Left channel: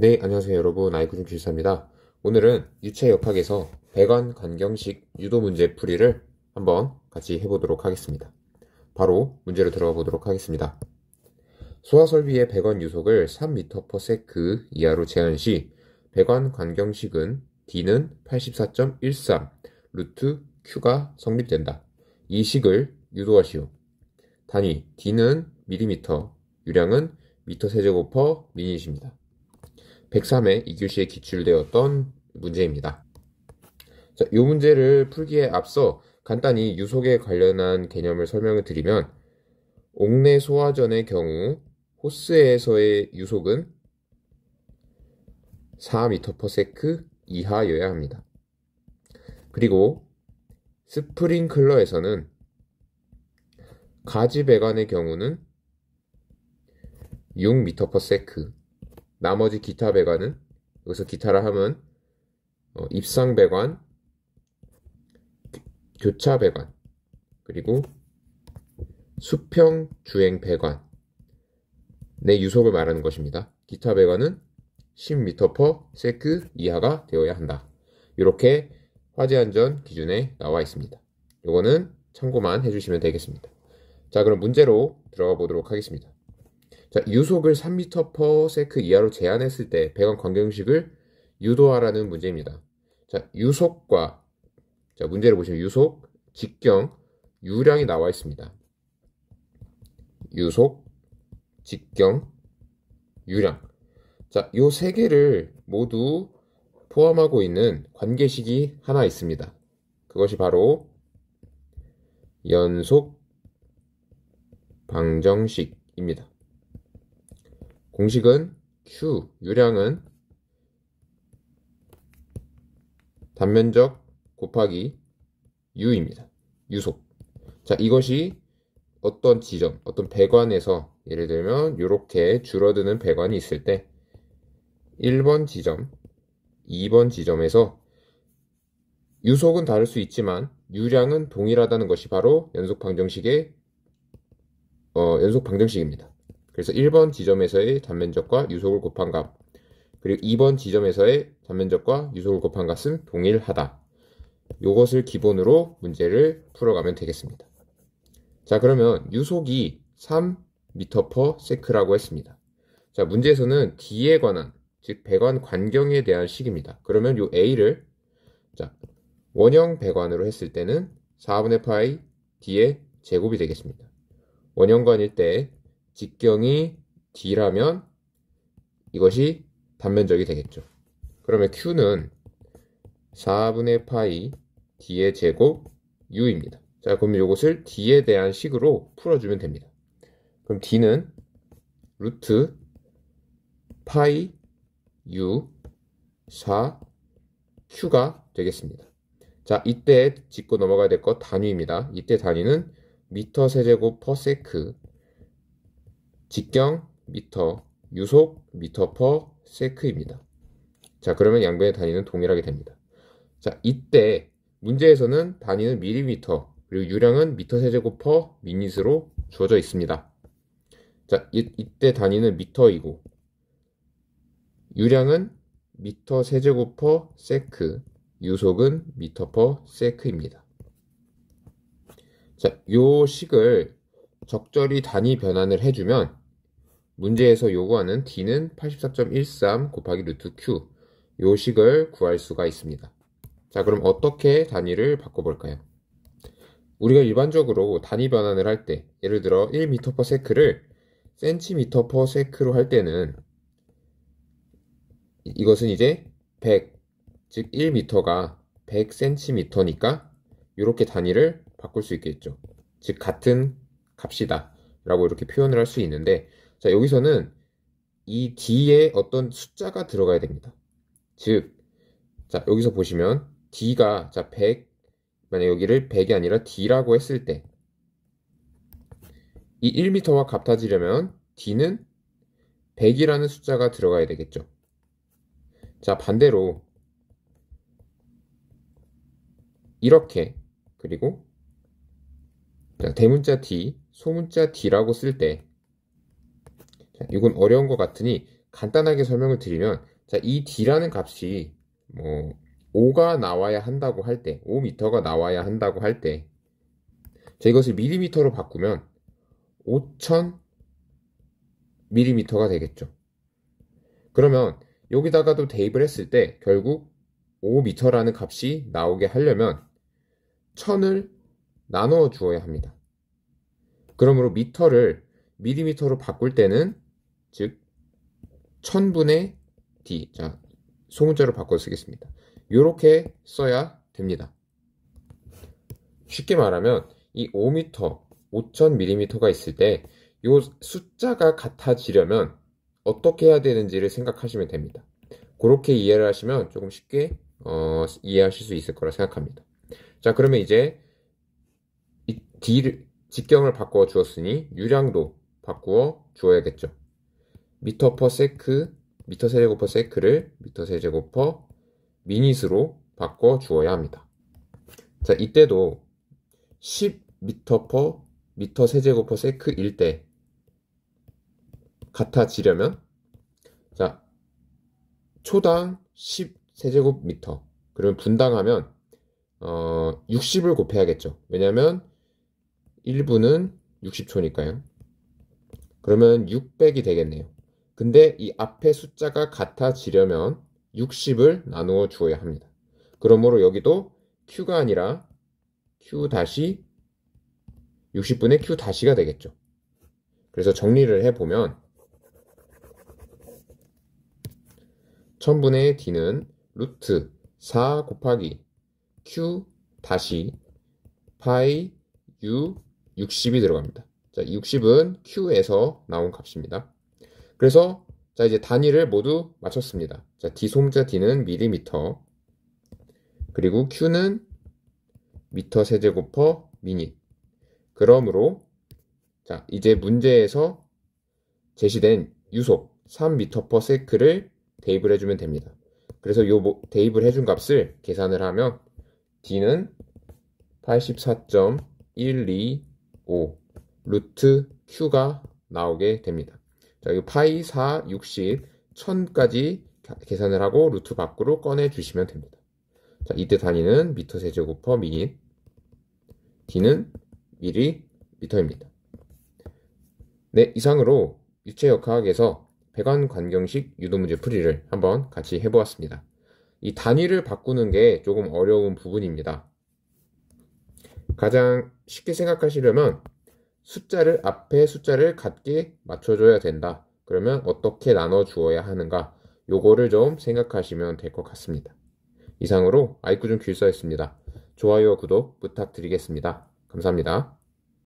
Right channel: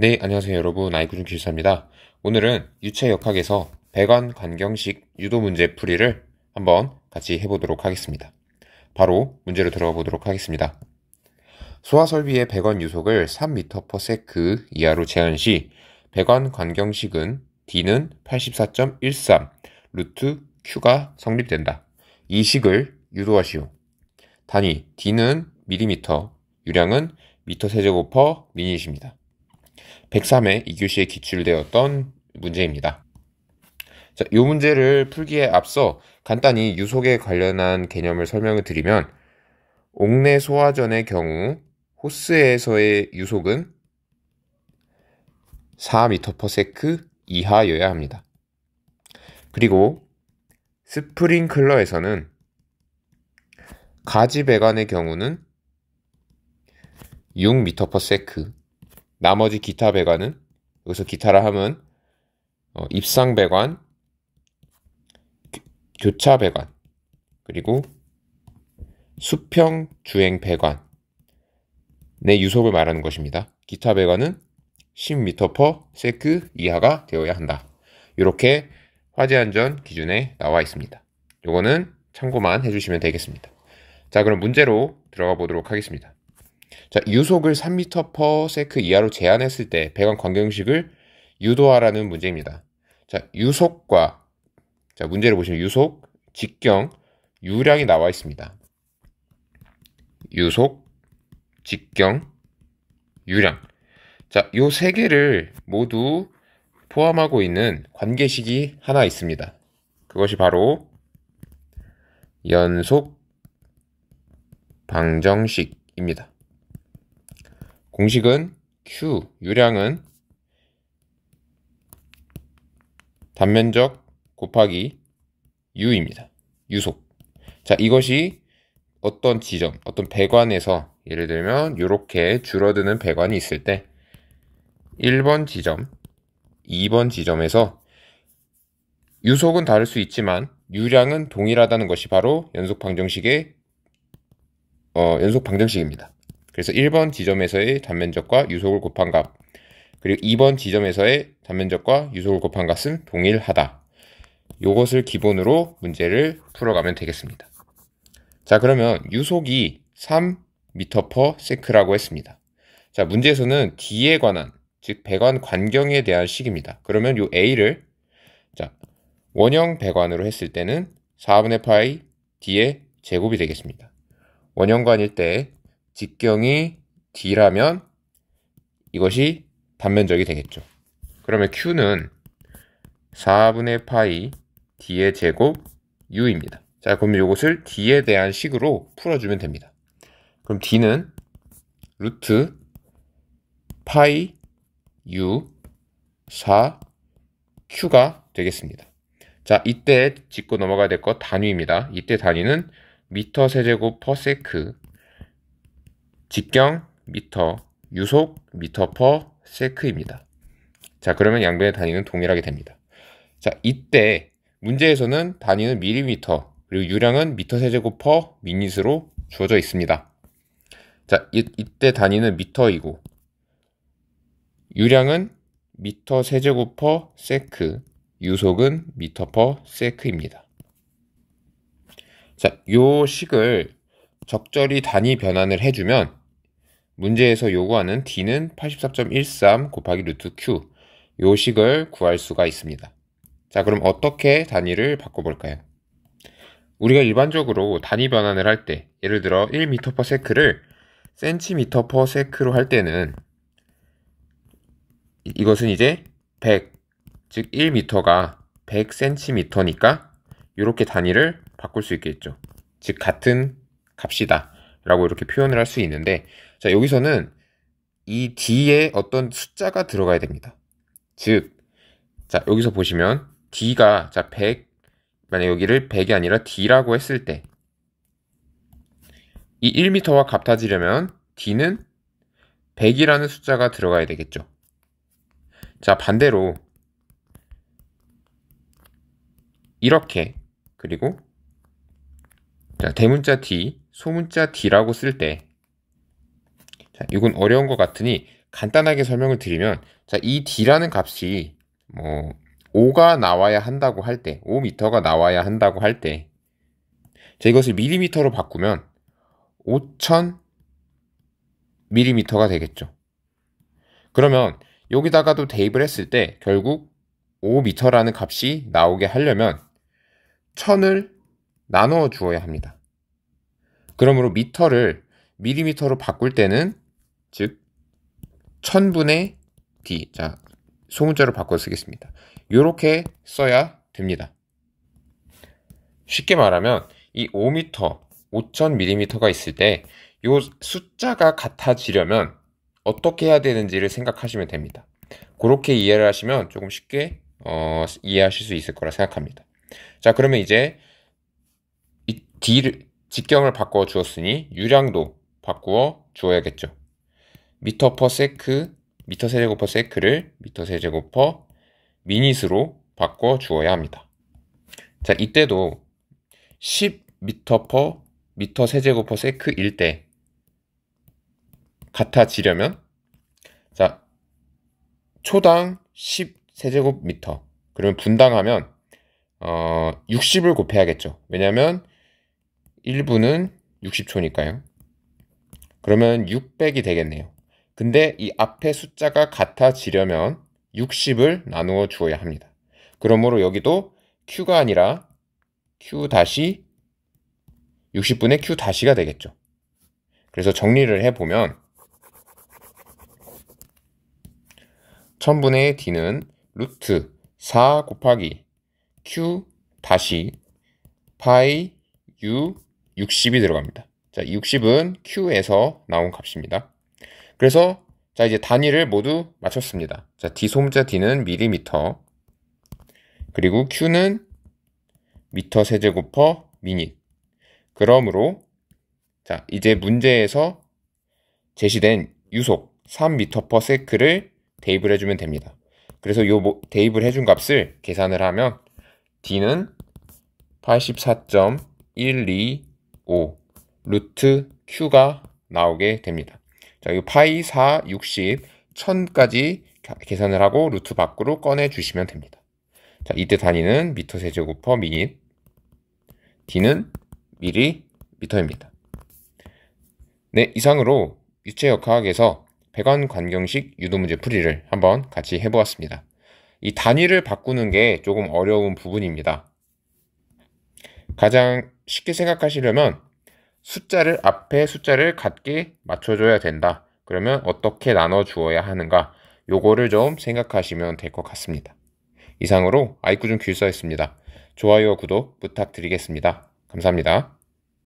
네, 안녕하세요 여러분. 아이구준기술사입니다. 오늘은 유체역학에서 배관 관경식 유도 문제 풀이를 한번 같이 해보도록 하겠습니다. 바로 문제로 들어가 보도록 하겠습니다. 소화설비의 배관 유속을 3m/s 이하로 제한 시 배관 관경식은 D는 84.13 루트 Q가 성립된다. 이 식을 유도하시오. 단위 D는 밀리미터, 유량은 미터 세제곱 퍼 미닛입니다. 103회 2교시에 기출되었던 문제입니다. 자, 이 문제를 풀기에 앞서 간단히 유속에 관련한 개념을 설명을 드리면 옥내 소화전의 경우 호스에서의 유속은 4m/s 이하여야 합니다. 그리고 스프링클러에서는 가지 배관의 경우는 6m/s, 나머지 기타 배관은, 여기서 기타라 하면 입상 배관, 교차 배관, 그리고 수평 주행 배관의 유속을 말하는 것입니다. 기타 배관은 10m/s 이하가 되어야 한다. 이렇게 화재안전 기준에 나와 있습니다. 요거는 참고만 해주시면 되겠습니다. 자, 그럼 문제로 들어가 보도록 하겠습니다. 자, 유속을 3m/s 이하로 제한했을 때 배관 관경식을 유도하라는 문제입니다. 자, 유속과, 자, 문제를 보시면 유속, 직경, 유량이 나와 있습니다. 유속, 직경, 유량. 자, 요 세 개를 모두 포함하고 있는 관계식이 하나 있습니다. 그것이 바로 연속 방정식입니다. 공식은 Q, 유량은 단면적 곱하기 U입니다. 유속. 자, 이것이 어떤 지점, 어떤 배관에서 예를 들면 이렇게 줄어드는 배관이 있을 때 1번 지점, 2번 지점에서 유속은 다를 수 있지만 유량은 동일하다는 것이 바로 연속 방정식입니다. 그래서 1번 지점에서의 단면적과 유속을 곱한 값, 그리고 2번 지점에서의 단면적과 유속을 곱한 값은 동일하다. 이것을 기본으로 문제를 풀어가면 되겠습니다. 자, 그러면 유속이 3m/s라고 했습니다. 자, 문제에서는 D에 관한, 즉 배관 관경에 대한 식입니다. 그러면 이 A를, 자, 원형 배관으로 했을 때는 4분의 파이 D의 제곱이 되겠습니다. 원형관일 때 직경이 D라면 이것이 단면적이 되겠죠. 그러면 Q는 4분의 파이 D의 제곱 U입니다. 자, 그럼 이것을 D에 대한 식으로 풀어주면 됩니다. 그럼 D는 루트 파이 U 4 Q가 되겠습니다. 자, 이때 짚고 넘어가야 될 것 단위입니다. 이때 단위는 미터 세제곱 퍼 세크, 직경 미터, 유속 미터 퍼 세크입니다. 자, 그러면 양변의 단위는 동일하게 됩니다. 자, 이때 문제에서는 단위는 밀리미터, 그리고 유량은 미터 세제곱 퍼 미닛으로 주어져 있습니다. 자, 이때 단위는 미터이고 유량은 미터 세제곱 퍼 세크, 유속은 미터 퍼 세크입니다. 자, 요 식을 적절히 단위 변환을 해주면 문제에서 요구하는 D는 84.13 곱하기 루트 Q, 요 식을 구할 수가 있습니다. 자, 그럼 어떻게 단위를 바꿔볼까요? 우리가 일반적으로 단위 변환을 할 때, 예를 들어 1m/s를 cm/s로 할 때는 이것은 이제 100, 즉 1m가 100cm니까 이렇게 단위를 바꿀 수 있겠죠. 즉 같은 값이다 라고 이렇게 표현을 할 수 있는데, 자, 여기서는 이 D에 어떤 숫자가 들어가야 됩니다. 즉, 자, 여기서 보시면 D가, 자, 100, 만약 여기를 100이 아니라 D라고 했을 때 이 1m와 같아지려면 D는 100이라는 숫자가 들어가야 되겠죠. 자, 반대로 이렇게, 그리고 자, 대문자 D, 소문자 D라고 쓸 때, 자, 이건 어려운 것 같으니 간단하게 설명을 드리면, 자, 이 D라는 값이 5가 나와야 한다고 할 때, 5m가 나와야 한다고 할 때, 자, 이것을 밀리미터로 바꾸면 5000mm가 되겠죠. 그러면 여기다가도 대입을 했을 때 결국 5m라는 값이 나오게 하려면 1000을 나누어 주어야 합니다. 그러므로 미터를 밀리미터로 바꿀 때는 즉 1000분의 D, 자, 소문자로 바꿔 쓰겠습니다. 이렇게 써야 됩니다. 쉽게 말하면 이 5m, 5000mm가 있을 때 이 숫자가 같아지려면 어떻게 해야 되는지를 생각하시면 됩니다. 그렇게 이해를 하시면 조금 쉽게 이해하실 수 있을 거라 생각합니다. 자, 그러면 이제 이 D를 직경을 바꿔 주었으니 유량도 바꾸어 주어야겠죠. 미터 퍼 세크, 미터 세제곱 퍼 세크를 미터 세제곱 퍼 미닛으로 바꿔 주어야 합니다. 자, 이때도 10미터 퍼 미터 세제곱 퍼 세크일 때 같아지려면, 자, 초당 10세제곱미터, 그러면 분당하면 60을 곱해야겠죠. 왜냐면 1분은 60초니까요. 그러면 600이 되겠네요. 근데 이 앞에 숫자가 같아지려면 60을 나누어 주어야 합니다. 그러므로 여기도 Q가 아니라 Q 다시 60분의 Q 다시가 되겠죠. 그래서 정리를 해보면 1000분의 D는 루트 4 곱하기 Q 다시 파이 U 60이 들어갑니다. 자, 60은 Q에서 나온 값입니다. 그래서 자, 이제 단위를 모두 맞췄습니다. 자, D 소문자 D는 밀리미터, 그리고 Q는 미터 세제곱 퍼 미닛. 그러므로 자, 이제 문제에서 제시된 유속 3m per sec를 대입을 해주면 됩니다. 그래서 이 대입을 해준 값을 계산을 하면 D는 84.125 루트 Q가 나오게 됩니다. 자, 이 파이 4, 60, 1000까지 계산을 하고 루트 밖으로 꺼내 주시면 됩니다. 자, 이때 단위는 미터 세제곱 퍼 미닛, D는 밀리미터입니다. 네, 이상으로 유체역학에서 배관관경식 유도문제 풀이를 한번 같이 해보았습니다. 이 단위를 바꾸는 게 조금 어려운 부분입니다. 가장 쉽게 생각하시려면 숫자를 앞에 숫자를 같게 맞춰줘야 된다. 그러면 어떻게 나눠 주어야 하는가, 요거를 좀 생각하시면 될 것 같습니다. 이상으로 아이쿠준 귤서였습니다. 좋아요, 구독 부탁드리겠습니다. 감사합니다.